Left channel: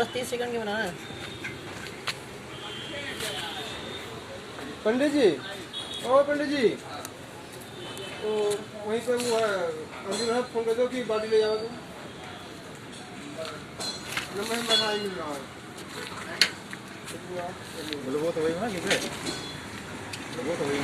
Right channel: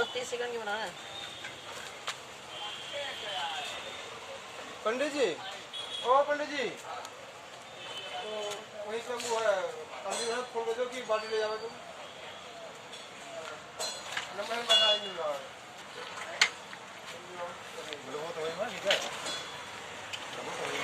बस 30 सेकंड के बनाना है। पंडित जी, ओ पंडित जी, तो वहीं से वो है अंदर है, फोन कर दो कि बाटी ले जाओ तुम। नंबर ही बना ही नहीं रहा। लोगों तो वही ना ठीक है, लोगों तो वही